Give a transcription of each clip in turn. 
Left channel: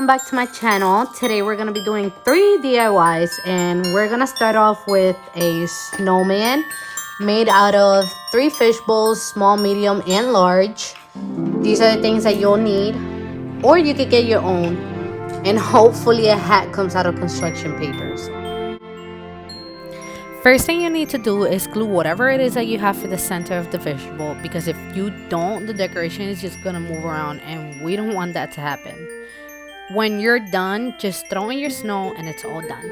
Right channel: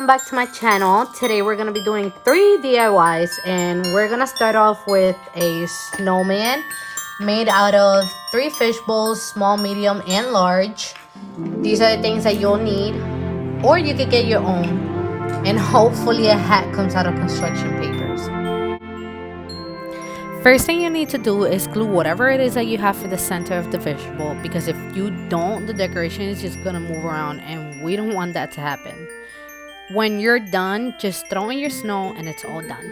welcome back to my channel. Today we're going to be doing 3 DIYs and we're going to start off with a snowman made out of 3 fish bowls, small, medium, and large. These are the things that you'll need, or you could get your own, and hopefully a hat comes out of construction papers. First thing you need to do is glue whatever it is that you have for the center of the vegetable, because if you don't, the decoration is just gonna move around and we don't want that to happen. When you're done, just throw in your snow and it's all done.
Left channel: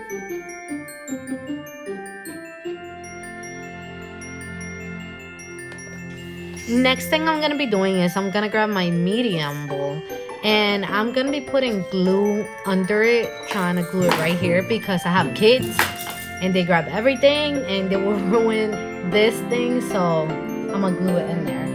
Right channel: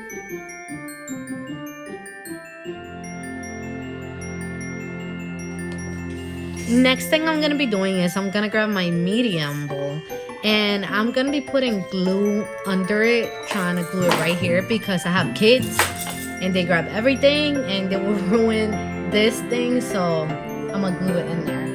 Next thing I'm gonna be doing is I'm gonna grab my medium bowl and I'm gonna be putting glue under it, trying to glue it right here because I have kids and they grab everything and they will ruin this thing, so I'm gonna glue it in there.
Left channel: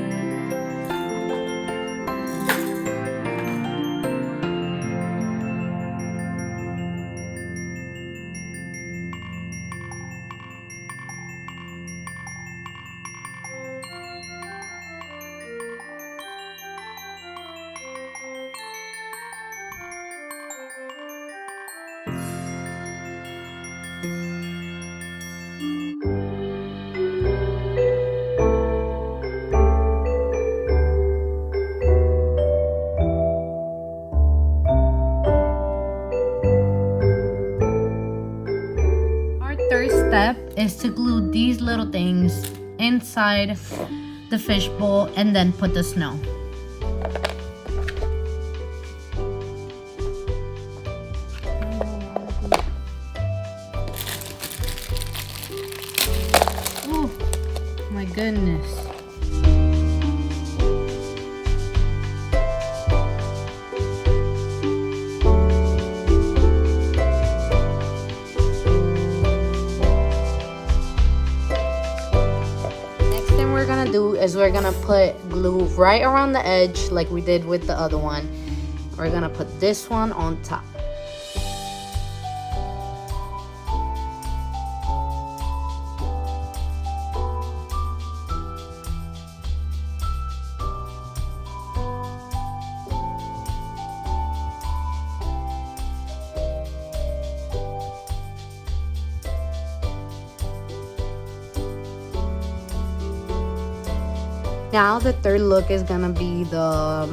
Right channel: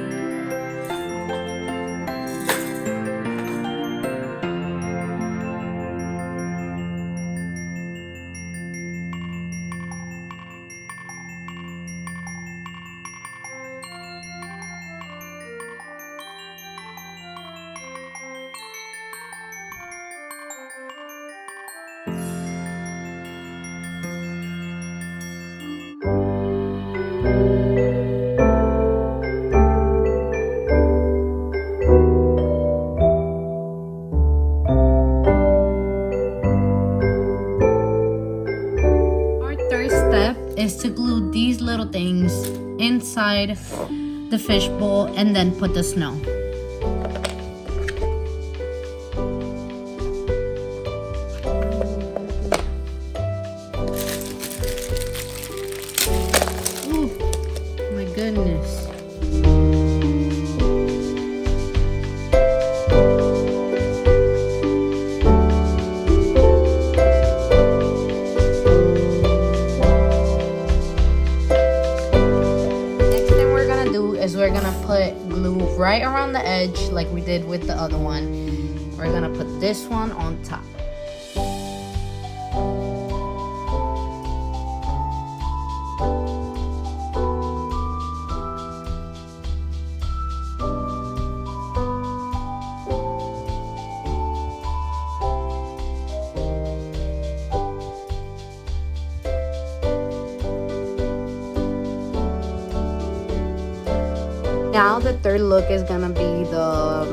Is to glue these little things inside the fish bowl and then put the snow. Oh my goodness. We're gonna put glue right around the edge like we did with the other one. We're gonna put this one on top. Third look is going to be the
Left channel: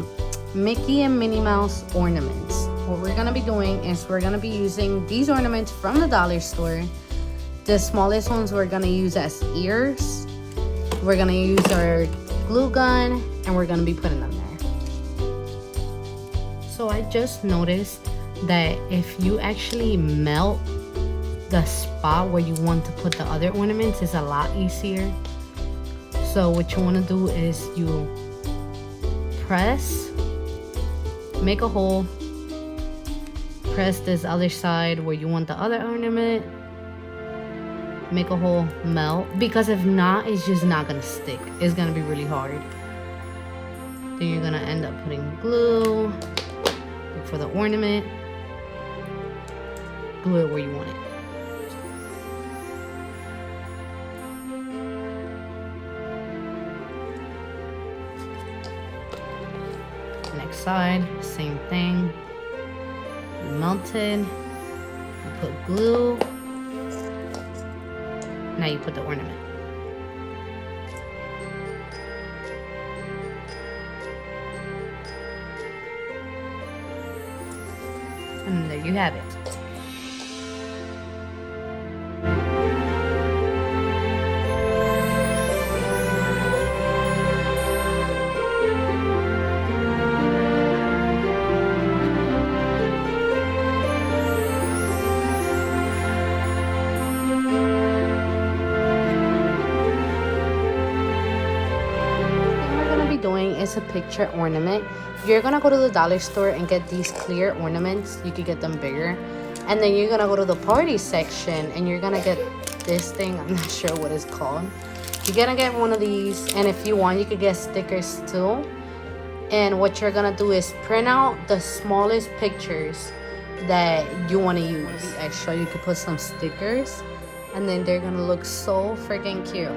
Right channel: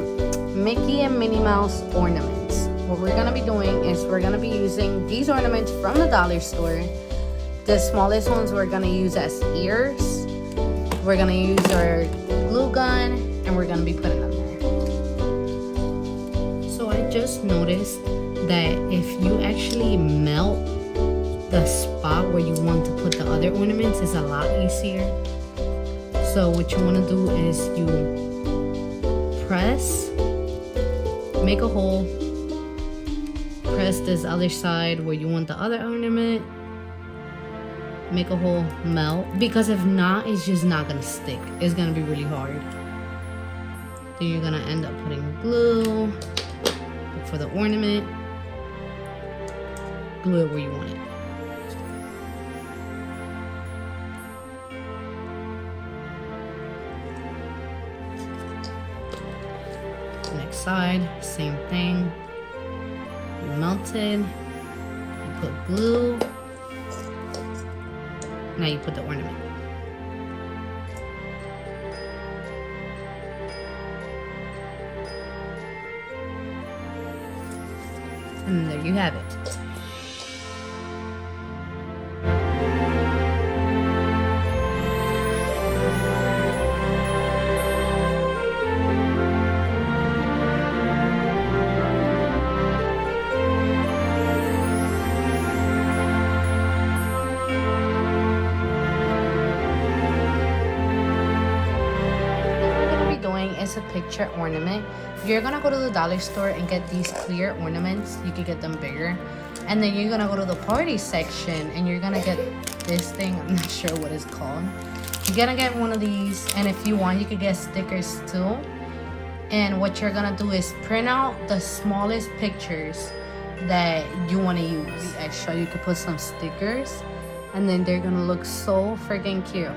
Mickey and Minnie Mouse ornaments. What we're going to be doing is we're going to be using these ornaments from the dollar store. The smallest ones we're going to use as ears. We're going to use our glue gun and we're going to be putting them there. So I just noticed that if you actually melt the spot where you want to put the other ornaments, is a lot easier. So what you want to do is you press, make a hole, press this other side where you want the other ornament, make a hole, melt, because if not, it's just not going to stick. It's going to be really hard. Then you're going to end up putting glue for the ornament, glue it where you want it. Next side, same thing. Melted. You put glue. Now you put the ornament. And there you have it. A picture ornament. You're gonna go to the dollar store and get these clear ornaments. You could get them bigger, and then you're gonna go to the party section and you're gonna get this thing. I'm not sure what it's called. You're gonna get one of these, and if you want, you could get stickers too. And what you're gonna do is print out the smallest pictures that you want to use, and so you can put some stickers, and then they're gonna look so freaking cute.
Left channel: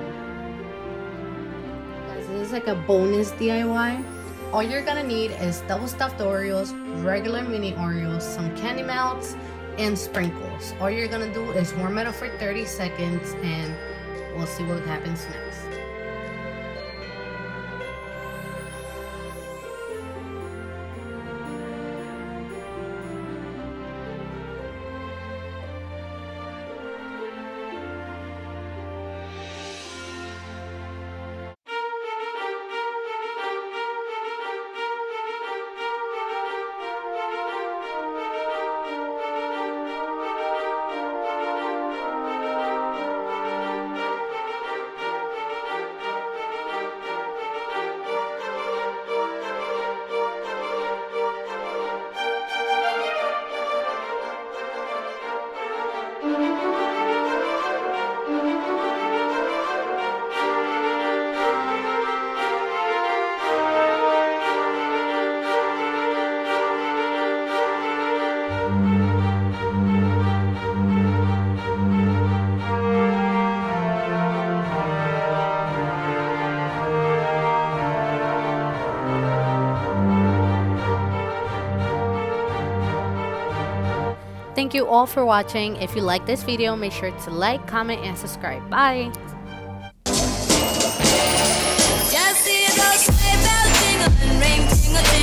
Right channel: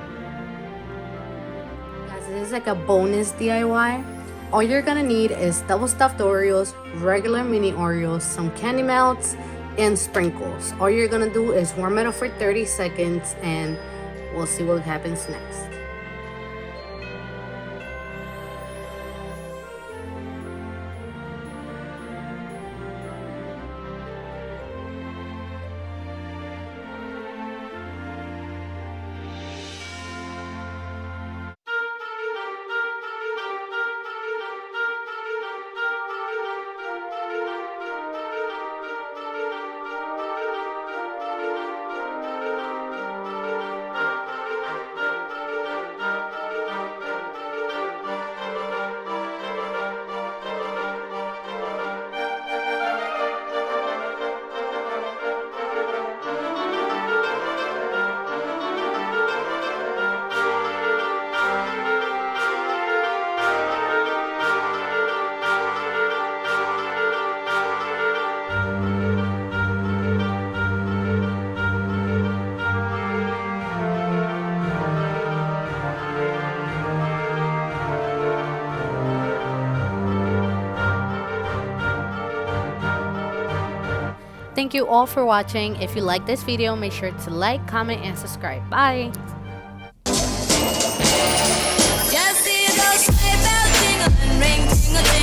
This is like a bonus DIY. All you're gonna need is double stuffed Oreos, regular mini Oreos, some candy melts, and sprinkles. All you're gonna do is warm it up for 30 seconds and we'll see what happens next. Thank you all for watching. If you like this video, make sure to like, comment, and subscribe. Bye! Just see those sleigh bells jingle and ring, jingle, jingle.